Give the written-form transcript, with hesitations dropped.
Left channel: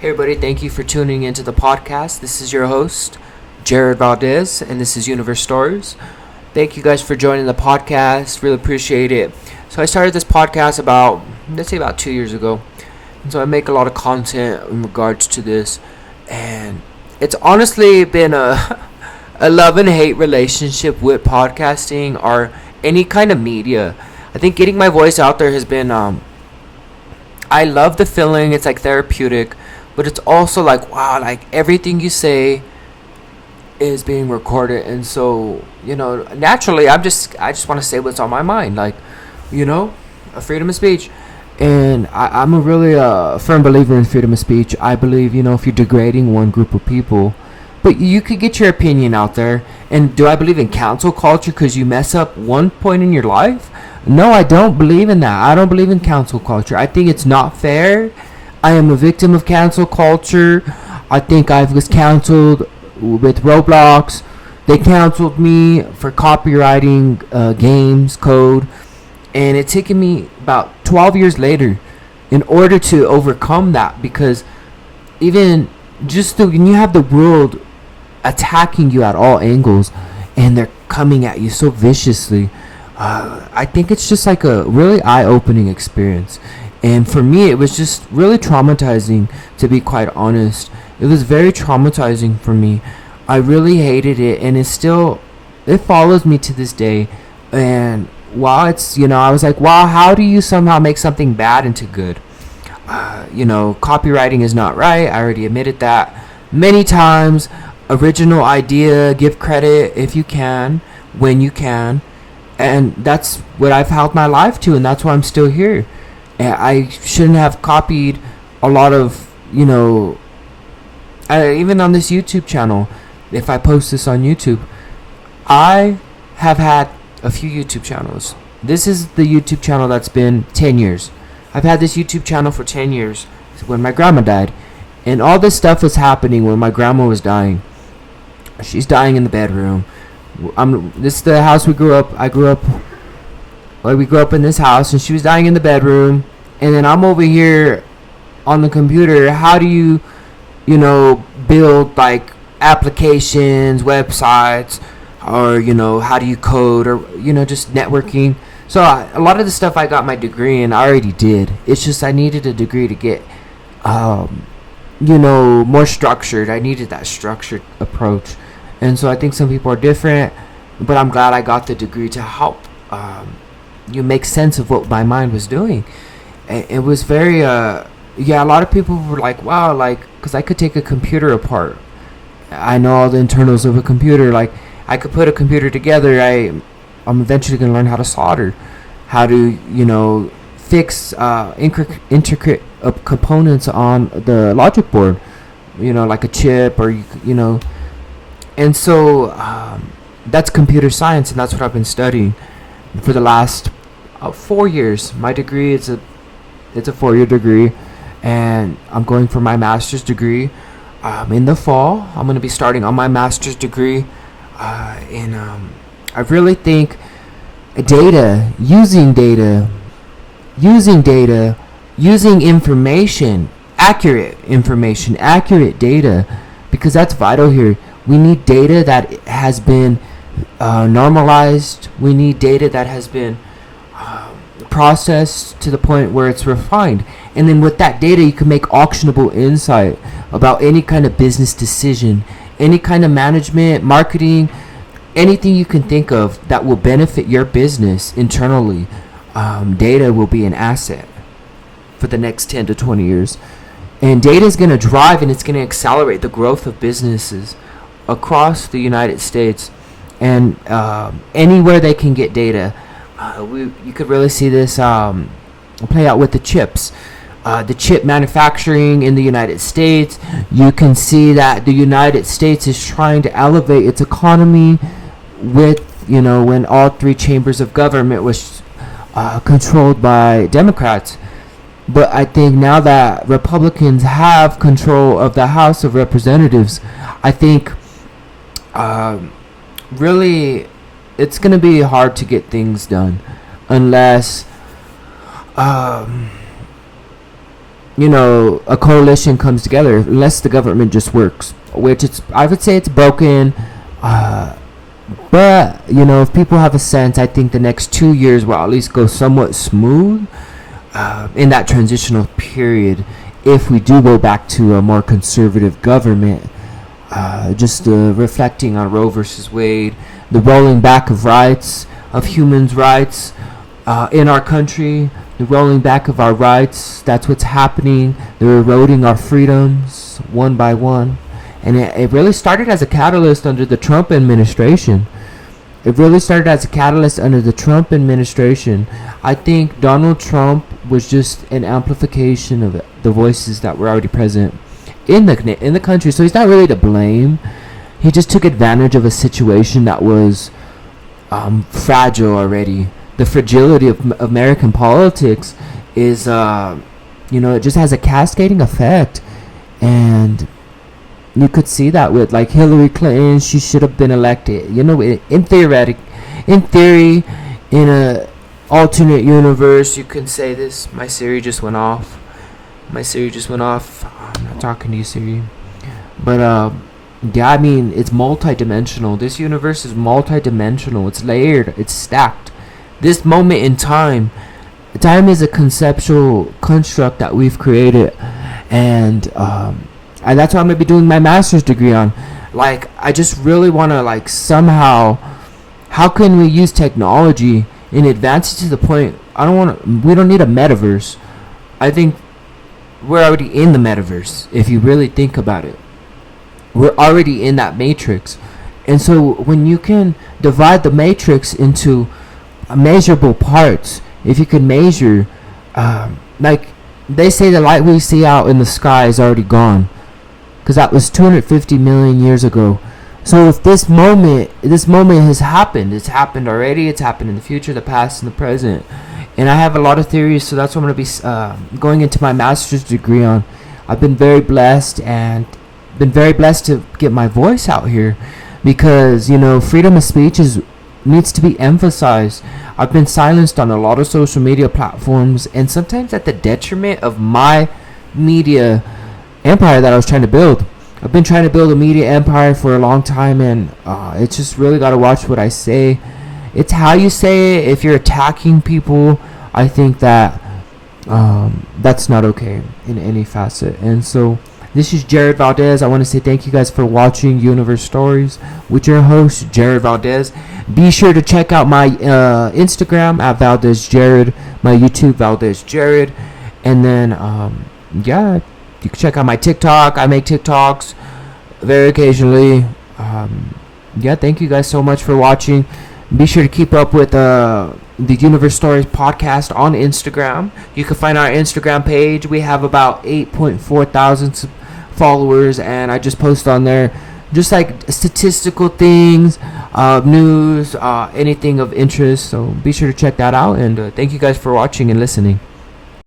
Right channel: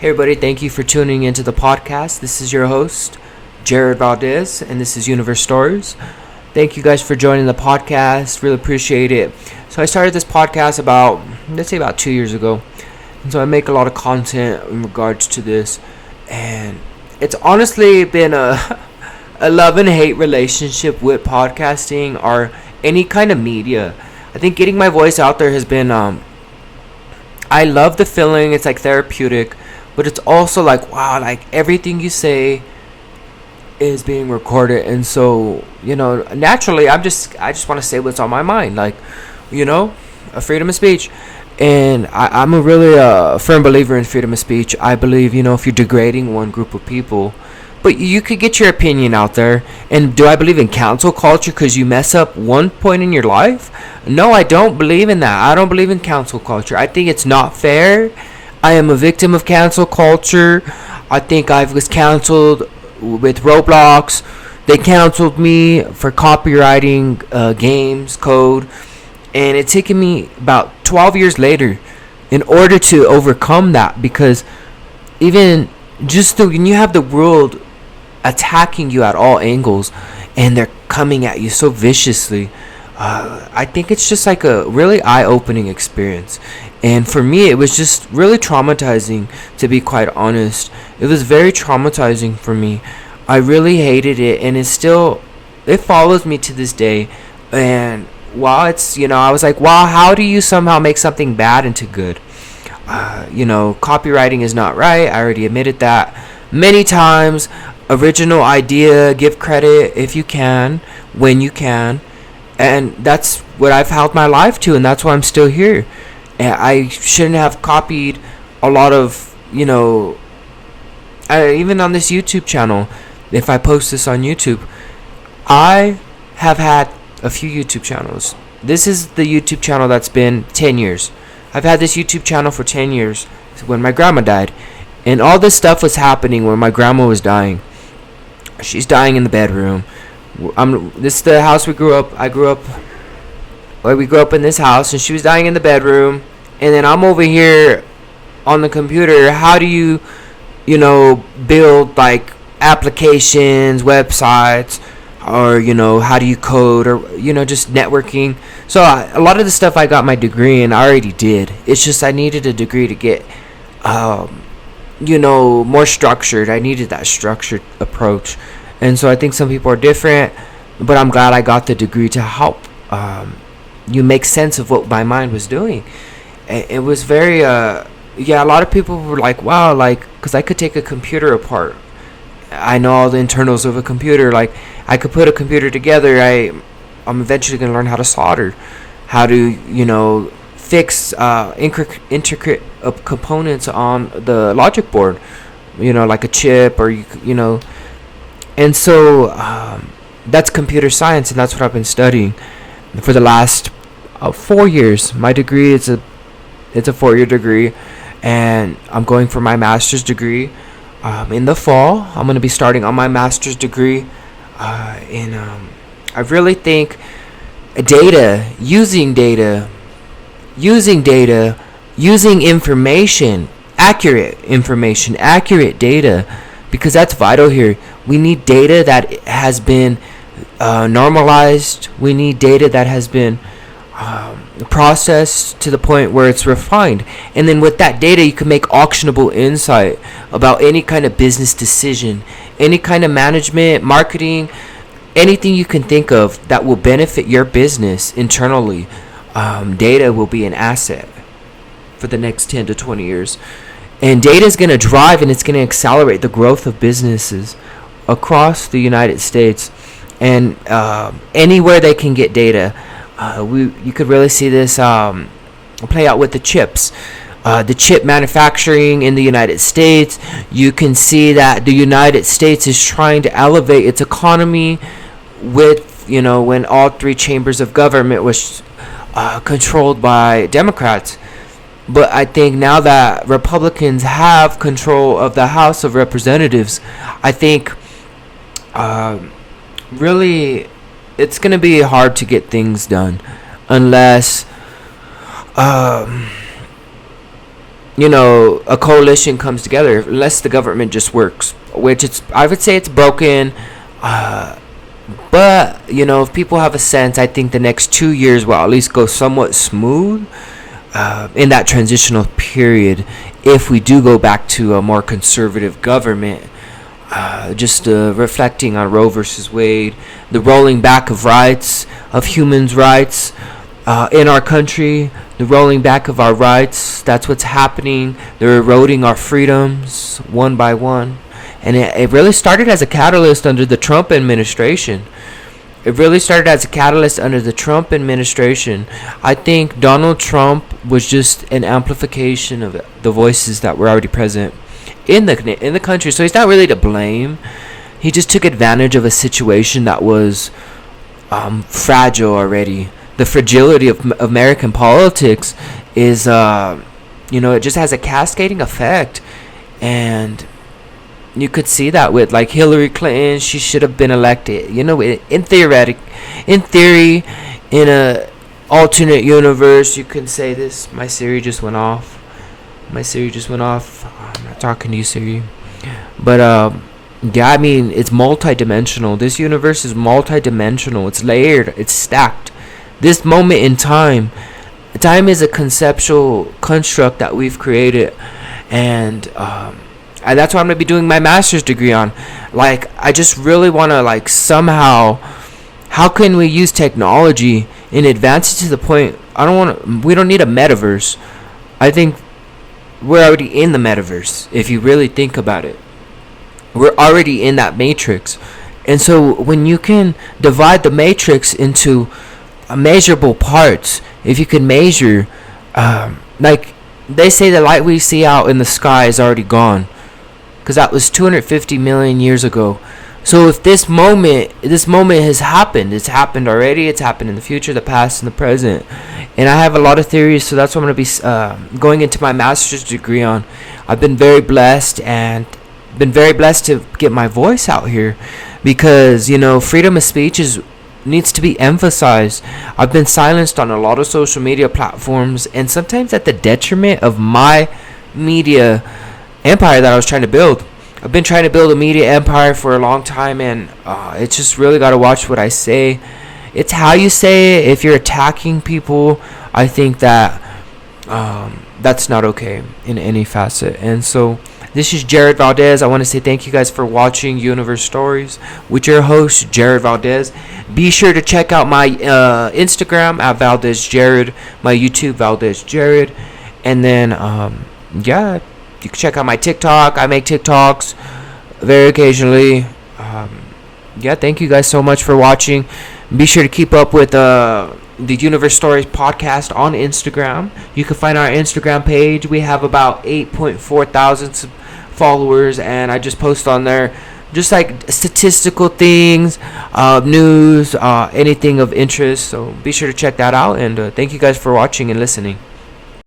Hey everybody, thank you for tuning into the podcast. This is your host, Jared Valdez, and this is Universe Stories. Thank you guys for joining the podcast. Really appreciate it. So I started this podcast about 2 years ago. And so I make a lot of content in regards to this. And it's honestly been a love and hate relationship with podcasting or any kind of media. I think getting my voice out there has been, I love the feeling. It's like therapeutic. But it's also like, wow, like everything you say is being recorded. And so, naturally, I just want to say what's on my mind. Like, a freedom of speech. And I'm a really firm believer in freedom of speech. I believe, if you're degrading one group of people, but you could get your opinion out there. And do I believe in cancel culture because you mess up one point in your life? No, I don't believe in that. I don't believe in cancel culture. I think it's not fair. I am a victim of cancel culture. I think I was canceled with Roblox. They canceled me for copywriting games code. And it's taken me about 12 years later in order to overcome that. Because even when you have the world attacking you at all angles and they're coming at you so viciously, I think it's just like a really eye-opening experience. And for me, it was just really traumatizing, to be quite honest. It was very traumatizing for me. I really hated it, and it follows me to this day. And while I was like, wow, how do you somehow make something bad into good? Copywriting is not right. I already admitted that many times. Original idea, give credit if you can, when you can. And that's what I've held my life to, and that's why I'm still here. And I shouldn't have copied a lot of, even on this YouTube channel, if I post this on YouTube, I have had a few YouTube channels. This is the YouTube channel that's been 10 years. I've had this YouTube channel for 10 years when my grandma died. And all this stuff was happening when my grandma was dying. She's dying in the bedroom. This is the house we grew up. We grew up in this house, and she was dying in the bedroom. And then I'm over here on the computer. How do you, build like applications, websites, or how do you code, or just networking? So a lot of the stuff I got my degree in, I already did. It's just I needed a degree to get, more structured. I needed that structured approach, and so I think some people are different. But I'm glad I got the degree to help. You make sense of what my mind was doing. It was very a lot of people were like, wow, like, because I could take a computer apart. I know all the internals of a computer. Like, I could put a computer together. I'm eventually going to learn how to solder, how to fix intricate components on the logic board, like a chip, or and so that's computer science, and that's what I've been studying for the last 4 years. My degree it's a 4-year degree, and I'm going for my master's degree in the fall. I'm going to be starting on my master's degree, and I really think using information, accurate data, because that's vital here. We need data that has been normalized. We need data that has been processed to the point where it's refined. And then with that data, you can make actionable insight about any kind of business decision, any kind of management, marketing, anything you can think of that will benefit your business internally. Data will be an asset for the next 10 to 20 years. And data is going to drive, and it's going to accelerate the growth of businesses across the United States, and anywhere they can get data. You could really see this play out with the chips. The chip manufacturing in the United States. You can see that the United States is trying to elevate its economy with, when all three chambers of government was controlled by Democrats. But I think now that Republicans have control of the House of Representatives, I think really it's going to be hard to get things done unless a coalition comes together, unless the government just works, which I would say it's broken. But if people have a sense, I think the next 2 years will at least go somewhat smooth in that transitional period. If we do go back to a more conservative government, just reflecting on Roe versus Wade, the rolling back of rights, of humans' rights in our country, the rolling back of our rights. That's what's happening. They're eroding our freedoms one by one. And it really started as a catalyst under the Trump administration. I think Donald Trump was just an amplification of the voices that were already present in the country. So he's not really to blame. He just took advantage of a situation that was fragile already. The fragility of American politics is, it just has a cascading effect. And you could see that with like Hillary Clinton. She should have been elected. In theory, in a alternate universe, you can say this. My Siri just went off. I'm not talking to you, Siri. But yeah, I mean, it's multidimensional. This universe is multidimensional. It's layered. It's stacked. This moment in time is a conceptual construct that we've created, and that's what I'm gonna be doing my master's degree on. Like, I just really want to, like, somehow, how can we use technology and advance it to the point? We don't need a metaverse. I think we're already in the metaverse. If you really think about it, we're already in that matrix. And so when you can divide the matrix into measurable parts, if you can measure, like they say, the light we see out in the sky is already gone, because that was 250 million years ago. So if this moment has happened, it's happened already, it's happened in the future, the past, and the present. And I have a lot of theories, so that's what I'm going to be going into my master's degree on. I've been very blessed to get my voice out here, because freedom of speech needs to be emphasized. I've been silenced on a lot of social media platforms, and sometimes at the detriment of my media empire that I was trying to build. I've been trying to build a media empire for a long time, and it's just really got to watch what I say. It's how you say it. If you're attacking people, I think that that's not okay in any facet. And so this is Jared Valdez. I want to say thank you guys for watching Universe Stories with your host, Jared Valdez. Be sure to check out my Instagram at Valdez Jared, my YouTube Valdez Jared, and then yeah, you can check out my TikTok. I make TikToks very occasionally. Yeah, thank you guys so much for watching. Be sure to keep up with the Universe Stories podcast on Instagram. You can find our Instagram page. We have about 8.4 thousand followers, and I just post on there just like statistical things, news, anything of interest. So be sure to check that out, and thank you guys for watching and listening.